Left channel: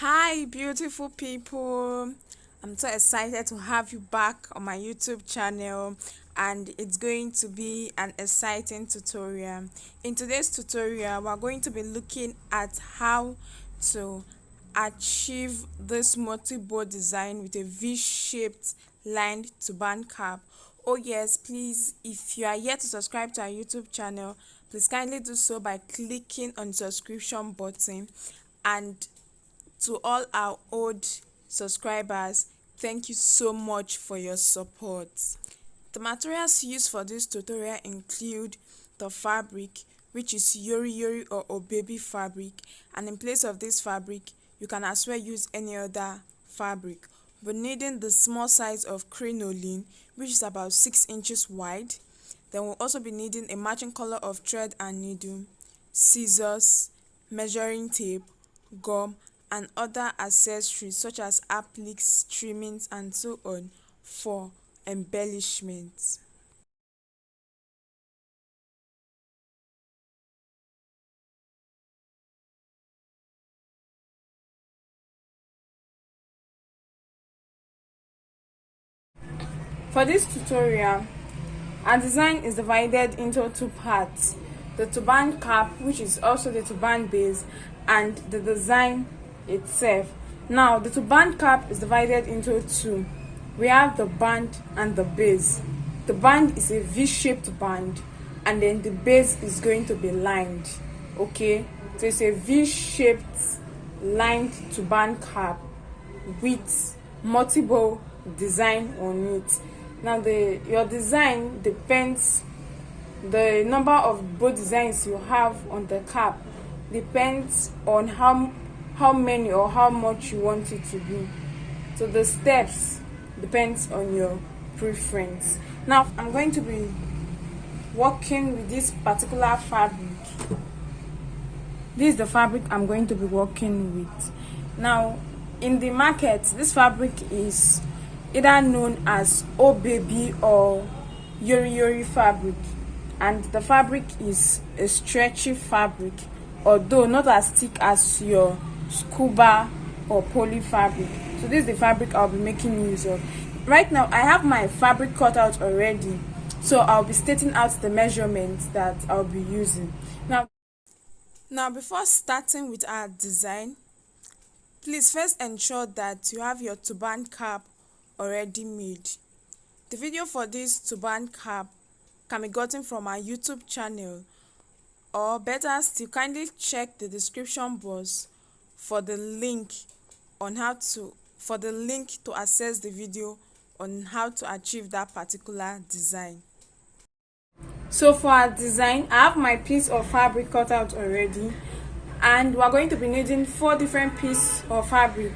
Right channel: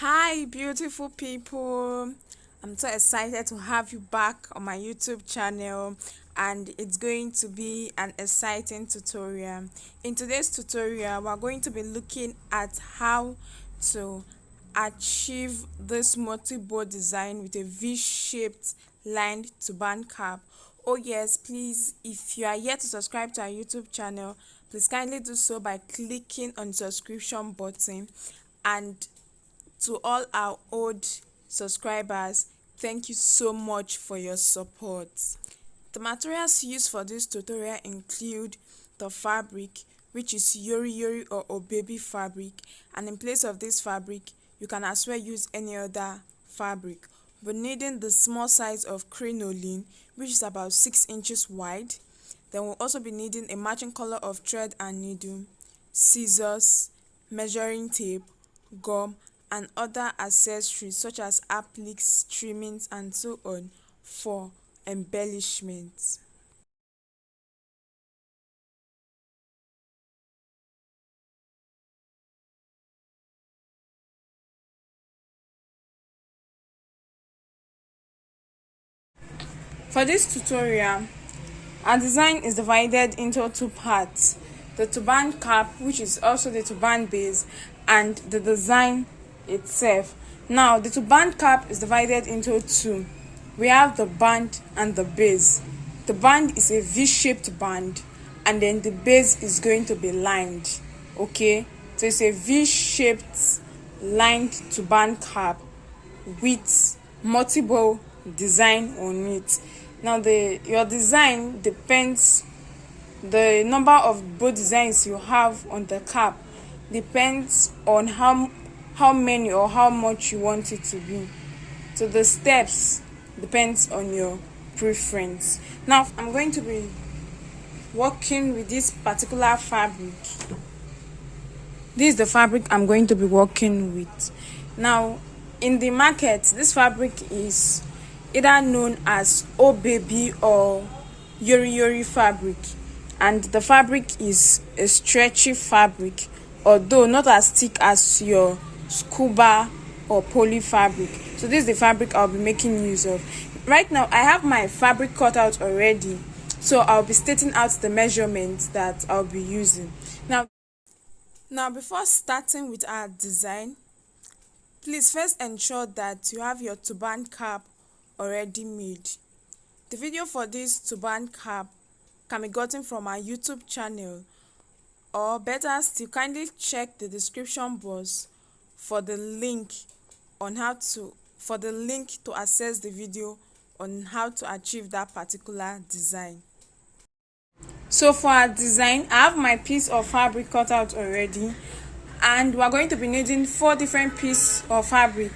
Hi, beautiful people. I'm so excited to have you back on my YouTube channel, and it's going to be an exciting tutorial. In today's tutorial, we're going to be looking at how to achieve this multi-bow design with a V-shaped lined turban cap. Oh yes, please, if you are yet to subscribe to our YouTube channel, please kindly do so by clicking on the subscription button. And to all our old subscribers, thank you so much for your support. The materials used for this tutorial include the fabric, which is yori or baby fabric, and in place of this fabric you can as well use any other fabric. We're needing the small size of crinoline, which is about 6 inches wide. Then we'll also be needing a matching color of thread and needle, scissors, measuring tape, gum, and other accessories such as appliques, trimmings, and so on for embellishment. For this tutorial, our design is divided into two parts: the turban cap, which is also the turban base, and the design itself. Now, the turban cap is divided into two. We have the band and the base. The band is a V-shaped band, and then the base is going to be lined. Okay, so it's a V-shaped lined turban cap with multiple design on it. Now, your design depends, the number of bow designs you have on the cap depends on how many or how much you want it to be. So the steps depends on your preference. Now, I'm going to be working with this particular fabric. This is the fabric I'm going to be working with. Now, in the market, this fabric is either known as oh baby or yori fabric, and the fabric is a stretchy fabric, although not as thick as your scuba or poly fabric. So this is the fabric I'll be making use of. Right now I have my fabric cut out already, so I'll be stating out the measurements that I'll be using. Now before starting with our design, please first ensure that you have your turban cap already made. The video for this turban cap can be gotten from our YouTube channel, or better still, kindly check the description box for the link to access the video on how to achieve that particular design. So for our design, I have my piece of fabric cut out already, and we are going to be needing 4 different pieces of fabric.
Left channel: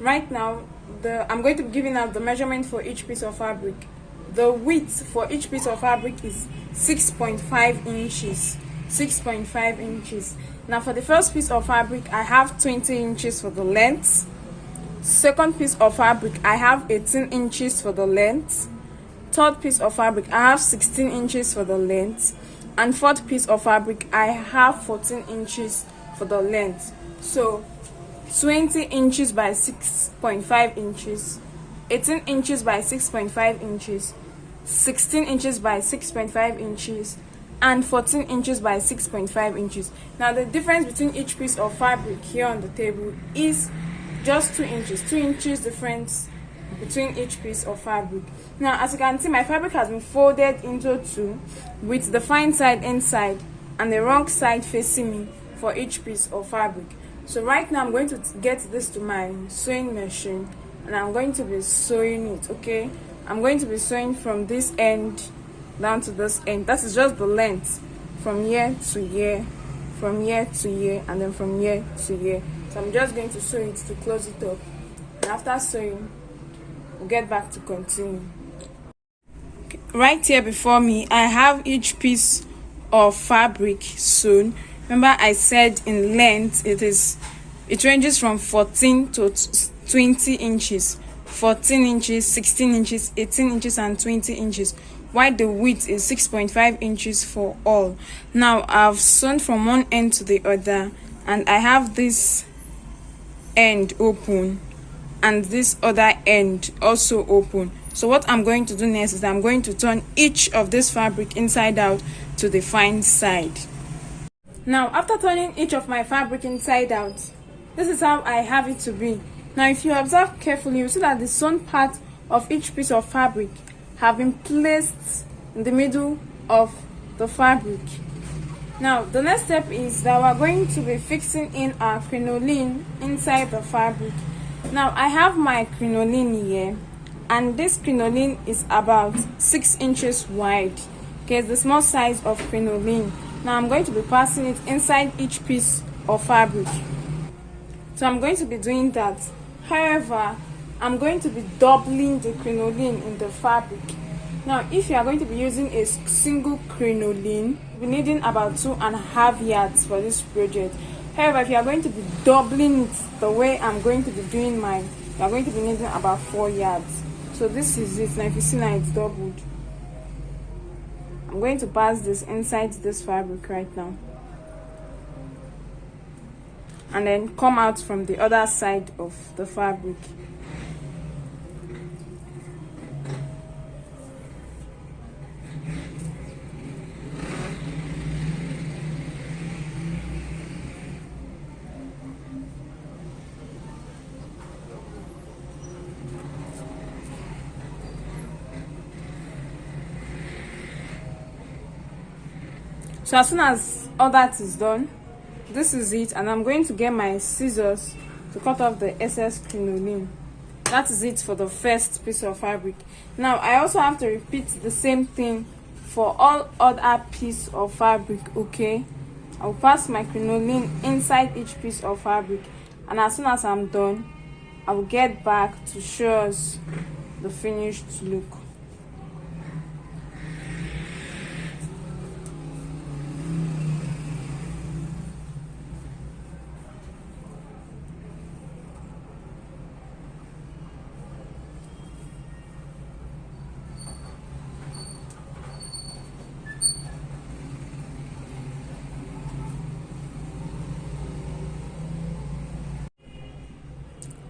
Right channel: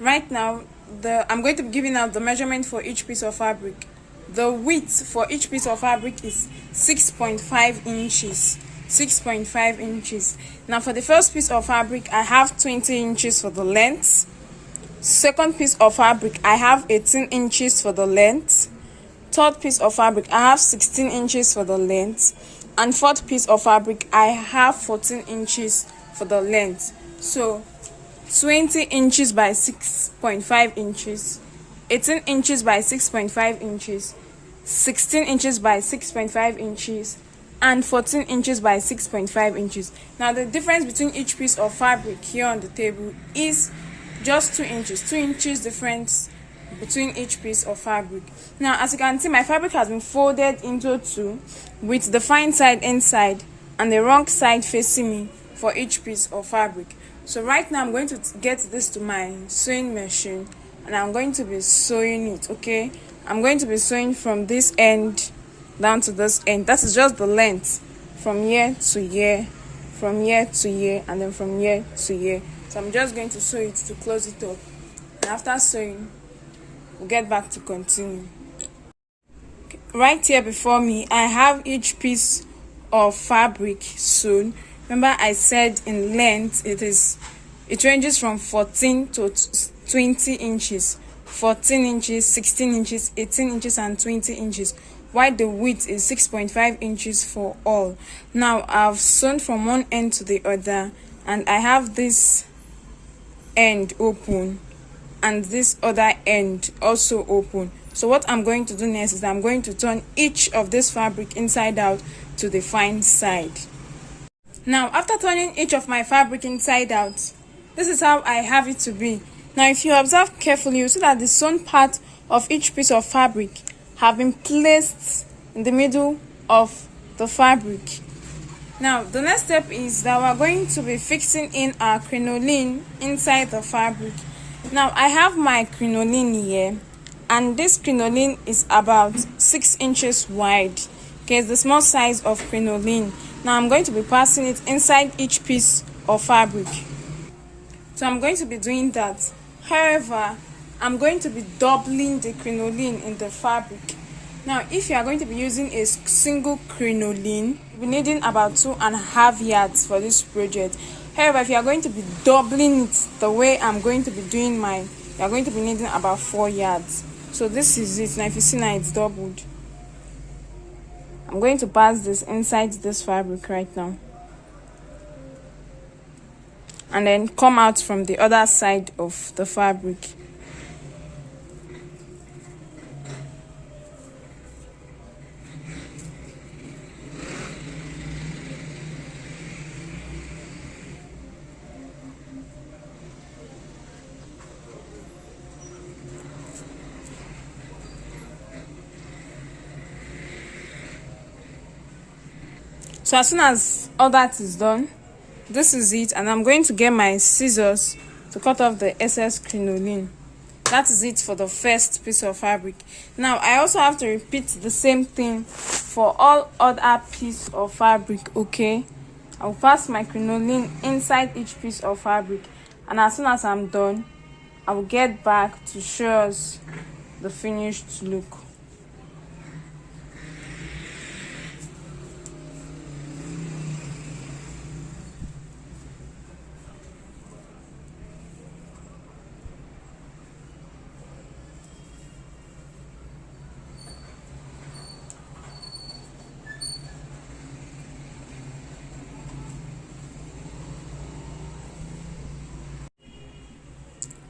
Right now, I'm going to be giving out the measurement for each piece of fabric. The width for each piece of fabric is 6.5 inches. 6.5 inches. Now, for the first piece of fabric, I have 20 inches for the length. Second piece of fabric, I have 18 inches for the length. Third piece of fabric, I have 16 inches for the length. And fourth piece of fabric, I have 14 inches for the length. So 20 inches by 6.5 inches, 18 inches by 6.5 inches, 16 inches by 6.5 inches, and 14 inches by 6.5 inches. Now, the difference between each piece of fabric here on the table is just 2 inches. 2 inches difference between each piece of fabric. Now, as you can see, my fabric has been folded into two, with the fine side inside and the wrong side facing me for each piece of fabric. So right now I'm going to get this to my sewing machine, and I'm going to be sewing it. Okay, I'm going to be sewing from this end down to this end. That is just the length from here to here, from here to here, and then from here to here. So I'm just going to sew it to close it up, and after sewing we'll get back to continue. Okay. Right here before me, I have each piece of fabric sewn. Remember, I said in length it ranges from 14 to 20 inches. 14 inches, 16 inches, 18 inches, and 20 inches. While the width is 6.5 inches for all. Now, I've sewn from one end to the other, and I have this end open and this other end also open. So what I'm going to do next is I'm going to turn each of this fabric inside out to the fine side. Now after turning each of my fabric inside out, this is how I have it to be. Now if you observe carefully, you see that the sewn part of each piece of fabric have been placed in the middle of the fabric. Now the next step is that we're going to be fixing in our crinoline inside the fabric. Now I have my crinoline here, and this crinoline is about 6 inches wide. Okay, it's the small size of crinoline. Now I'm going to be passing it inside each piece of fabric. So I'm going to be doing that. However, I'm going to be doubling the crinoline in the fabric. Now if you are going to be using a single crinoline, you'll be needing about 2.5 yards for this project. However, if you are going to be doubling it the way I'm going to be doing mine, you are going to be needing about 4 yards. So this is it. Now if you see, now it's doubled. I'm going to pass this inside this fabric right now, and then come out from the other side of the fabric. So as soon as all that is done, this is it, and I'm going to get my scissors to cut off the excess crinoline. That is it for the first piece of fabric. Now I also have to repeat the same thing for all other piece of fabric. Okay, I'll pass my crinoline inside each piece of fabric, and as soon as I'm done, I will get back to show us the finished look.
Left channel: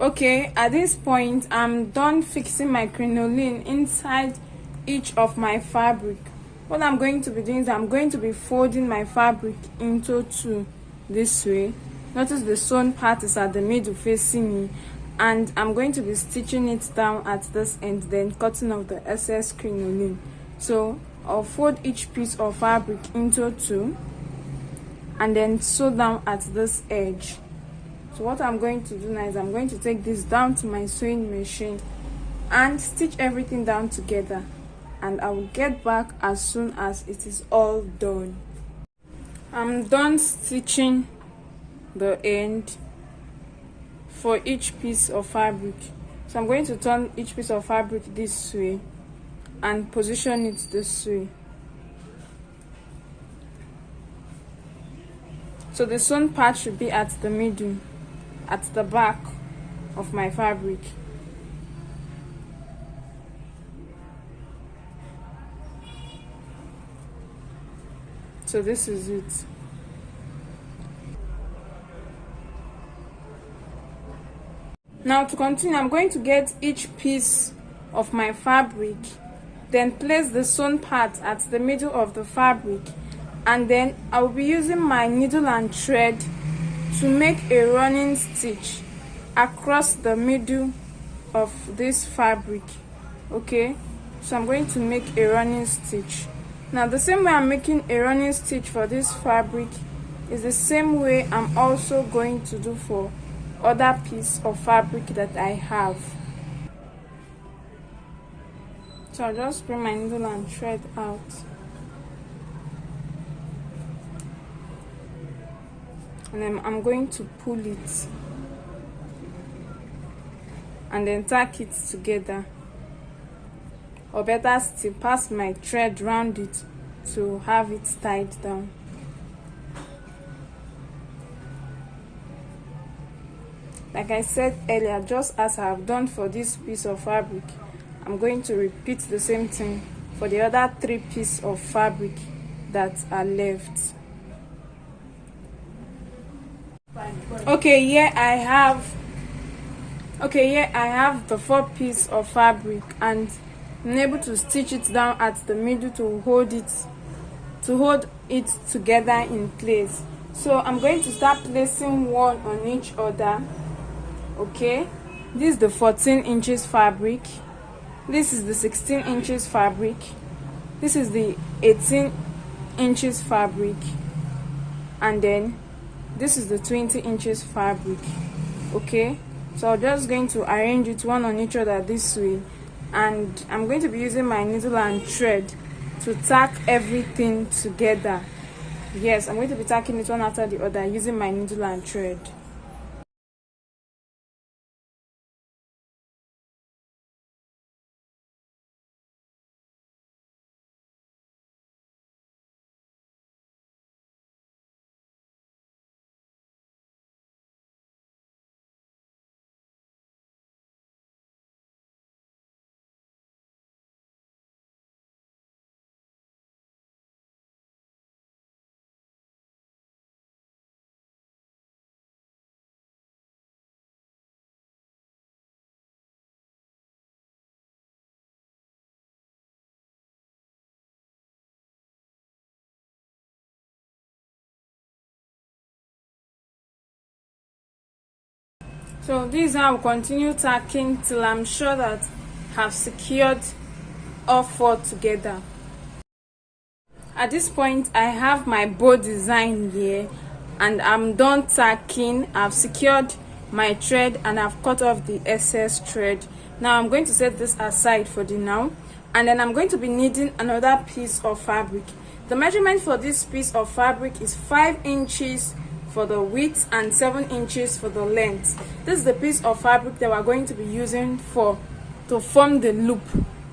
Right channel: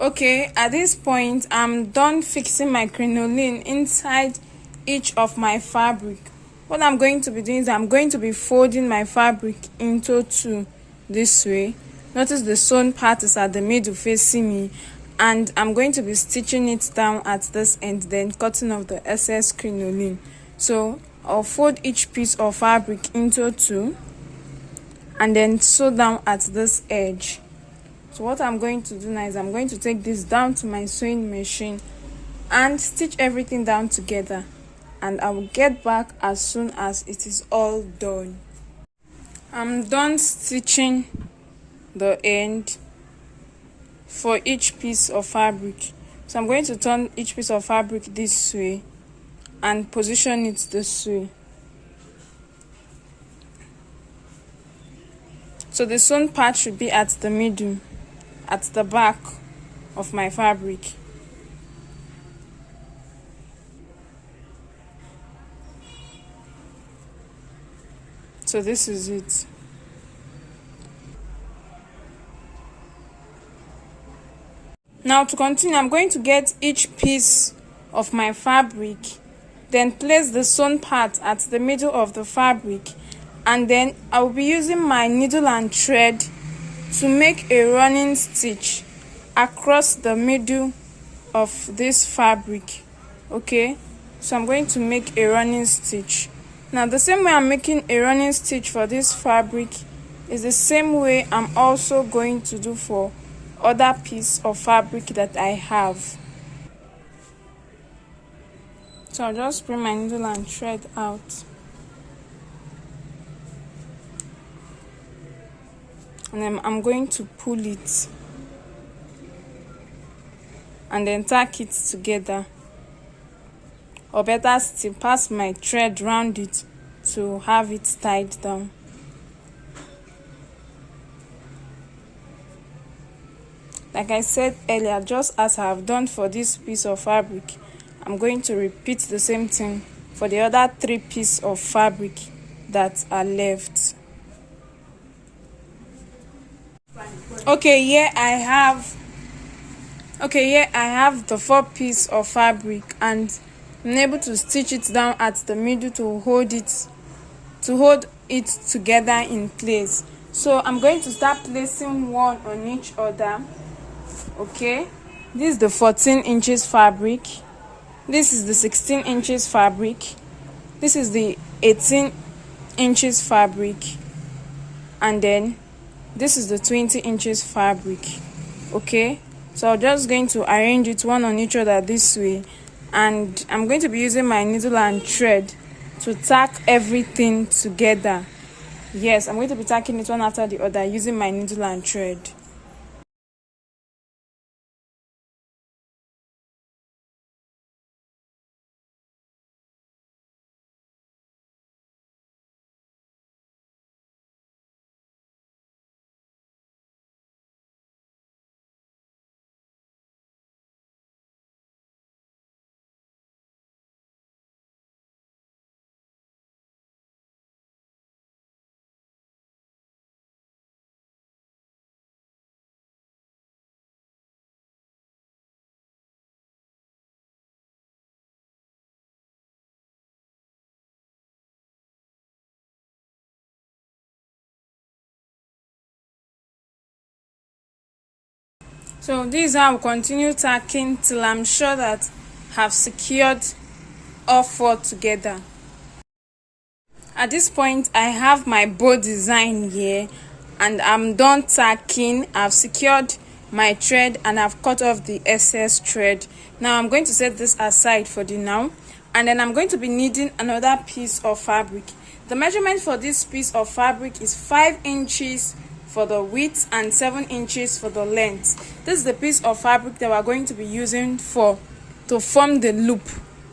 Okay, at this point I'm done fixing my crinoline inside each of my fabric. What I'm going to be doing is I'm going to be folding my fabric into two this way. Notice the sewn part is at the middle facing me, and I'm going to be stitching it down at this end, then cutting off the excess crinoline. So I'll fold each piece of fabric into two and then sew down at this edge. So what I'm going to do now is I'm going to take this down to my sewing machine and stitch everything down together, and I will get back as soon as it is all done. I'm done stitching the end for each piece of fabric. So I'm going to turn each piece of fabric this way and position it this way. So the sewn part should be at the middle, at the back of my fabric. So this is it. Now to continue, I'm going to get each piece of my fabric, then place the sewn part at the middle of the fabric, and then I will be using my needle and thread to make a running stitch across the middle of this fabric. Okay, so I'm going to make a running stitch. Now the same way I'm making a running stitch for this fabric is the same way I'm also going to do for other piece of fabric that I have. So I'll just bring my needle and thread out. And then I'm going to pull it and then tack it together, or better still, pass my thread round it to have it tied down. Like I said earlier, just as I have done for this piece of fabric, I'm going to repeat the same thing for the other 3 pieces of fabric that are left. Okay, here I have Okay, here I have the 4 piece of fabric, and I'm able to stitch it down at the middle to hold it together in place. So I'm going to start placing one on each other. Okay, this is the 14 inches fabric, this is the 16 inches fabric, this is the 18 inches fabric, and then this is the 20 inches fabric. Okay, so I'm just going to arrange it one on each other this way, and I'm going to be using my needle and thread to tack everything together. Yes, I'm going to be tacking it one after the other using my needle and thread. So this I will continue tacking till I'm sure that I have secured all 4 together. At this point I have my bow design here, and I'm done tacking. I've secured my thread and I've cut off the excess thread. Now I'm going to set this aside for the now, and then I'm going to be needing another piece of fabric. The measurement for this piece of fabric is 5 inches for the width and 7 inches for the length. This is the piece of fabric that we're going to be using to form the loop,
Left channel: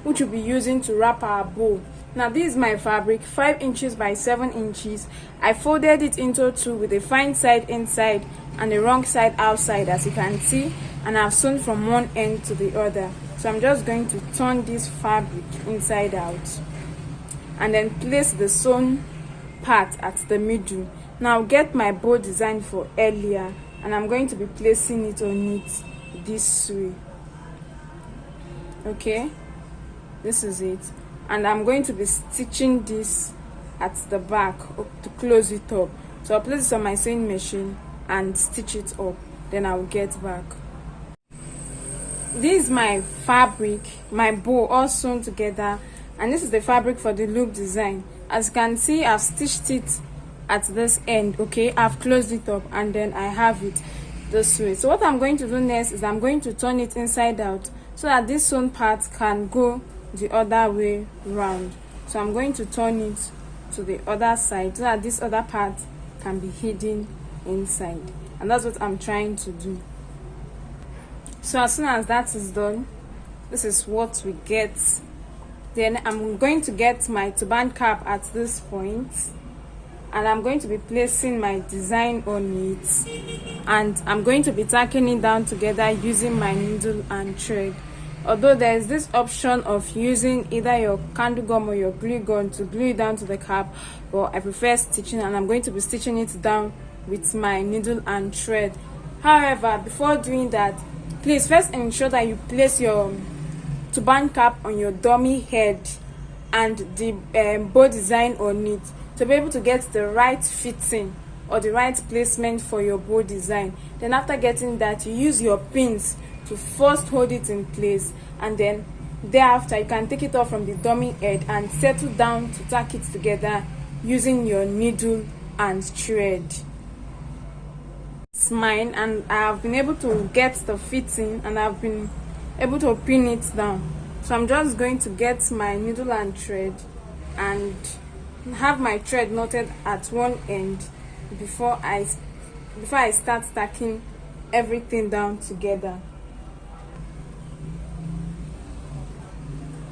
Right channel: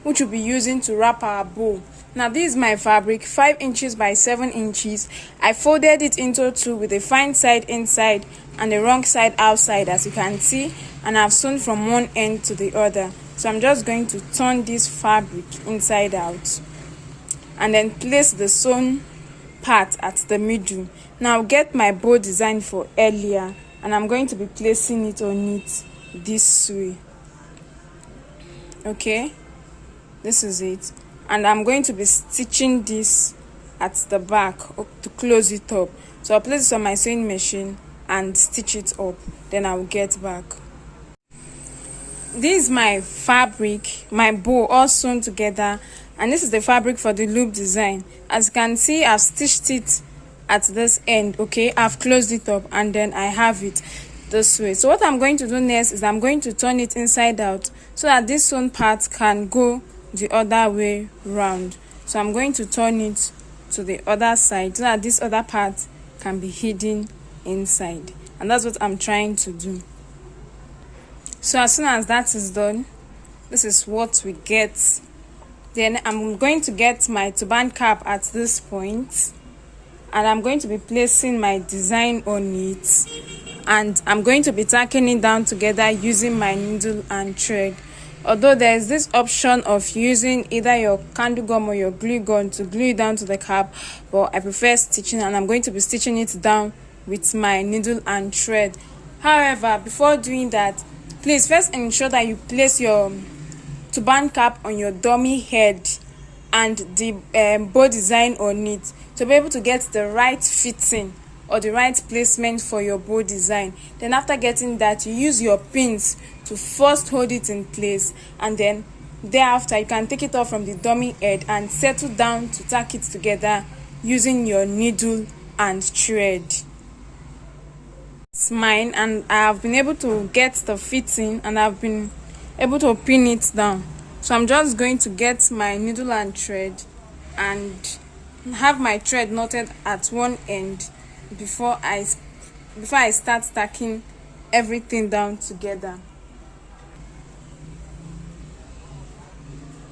which we'll be using to wrap our bow. Now this is my fabric, 5 inches by 7 inches. I folded it into 2 with a fine side inside and the wrong side outside, as you can see, and I've sewn from one end to the other. So I'm just going to turn this fabric inside out and then place the sewn part at the middle. Now get my bow design for earlier, and I'm going to be placing it on it this way. Okay, this is it, and I'm going to be stitching this at the back to close it up. So I'll place it on my sewing machine and stitch it up, then I'll get back. This is my fabric, my bow all sewn together, and this is the fabric for the loop design. As you can see, I've stitched it at this end. Okay, I've closed it up, and then I have it this way. So what I'm going to do next is I'm going to turn it inside out so that this sewn part can go the other way round. So I'm going to turn it to the other side so that this other part can be hidden inside, and that's what I'm trying to do. So as soon as that is done, this is what we get. Then I'm going to get my turban cap at this point, and I'm going to be placing my design on it, and I'm going to be tacking it down together using my needle and thread. Although there is this option of using either your candle gum or your glue gun to glue it down to the cap, but I prefer stitching, and I'm going to be stitching it down with my needle and thread. However, before doing that, please first ensure that you place your turban cap on your dummy head and the bow design on it to be able to get the right fitting or the right placement for your bow design. Then after getting that, you use your pins to first hold it in place, and then thereafter you can take it off from the dummy head and settle down to tack it together using your needle and thread. It's mine, and I have been able to get the fitting, and I've been able to pin it down. So I'm just going to get my needle and thread and have my thread knotted at one end before I start stacking everything down together.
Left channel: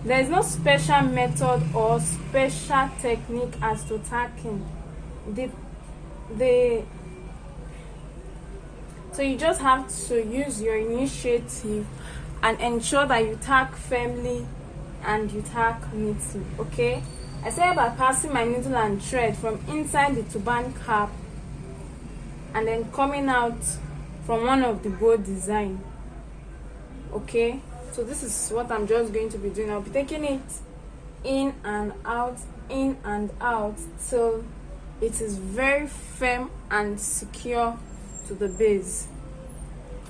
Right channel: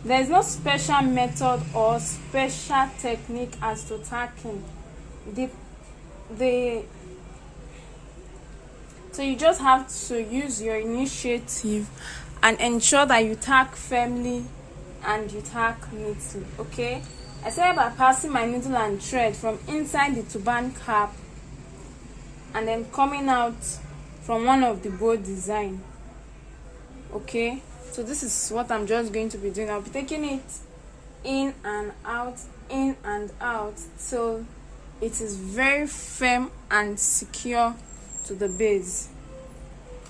There is no special method or special technique as to tacking. So you just have to use your initiative and ensure that you tack firmly and you tack neatly. Okay, I started by passing my needle and thread from inside the turban cap and then coming out from one of the bow design. Okay, so this is what I'm just going to be doing. I'll be taking it in and out till it is very firm and secure to the base,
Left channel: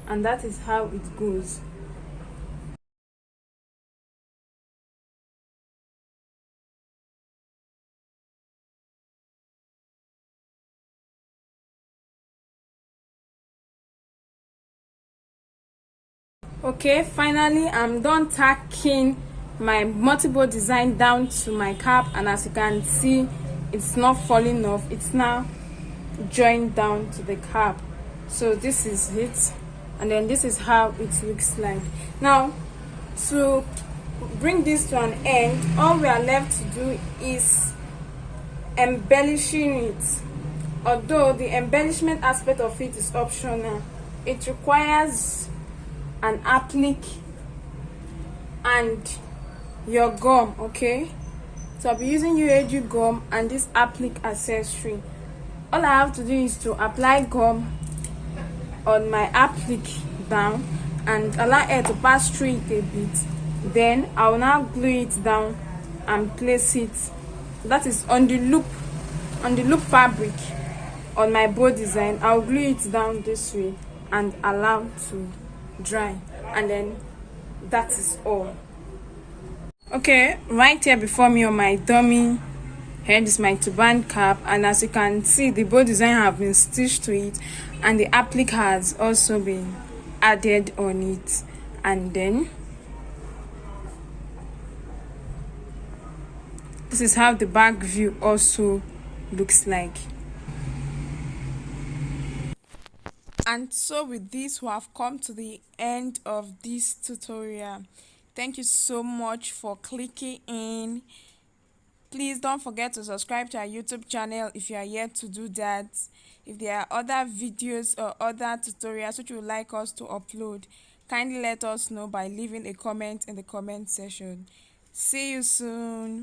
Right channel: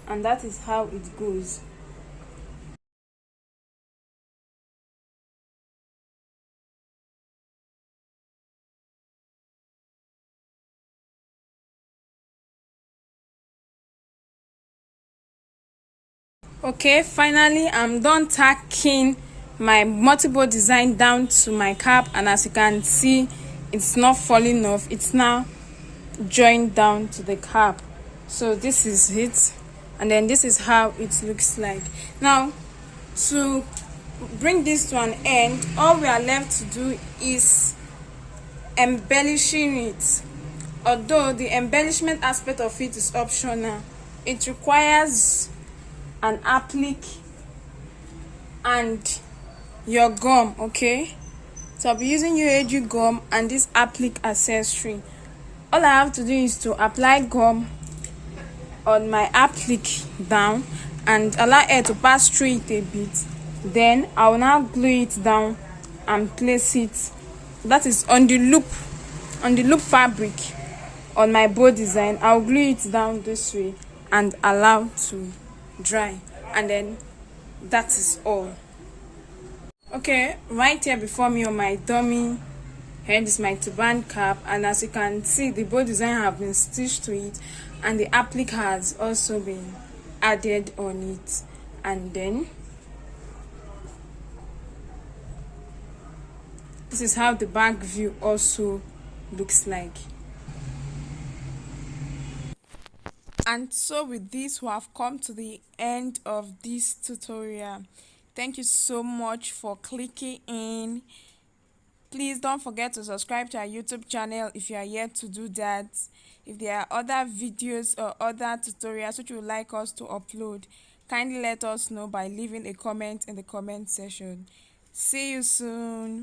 and that is how it goes. Okay, finally I'm done tacking my multiple design down to my cap, and as you can see, it's not falling off, it's now joined down to the cap. So this is it, and then this is how it looks like. Now, to bring this to an end, all we are left to do is embellishing it. Although the embellishment aspect of it is optional, it requires an applique and your gum. Okay, so I'll be using UAG gum and this applique accessory. All I have to do is to apply gum on my applique down and allow air to pass through it a bit. Then I will now glue it down and place it, that is on the loop fabric on my bow design. I'll glue it down this way and allow to dry, and then that is all. Okay, right here before me on my dummy head is my turban cap, and as you can see, the bow design have been stitched to it and the applique has also been added on it. And then this is how the back view also looks like. And so with this, we have come to the end of this tutorial. Thank you so much for clicking in. Please don't forget to subscribe to our YouTube channel if you are yet to do that. If there are other videos or other tutorials which you would like us to upload, kindly let us know by leaving a comment in the comment section. See you soon.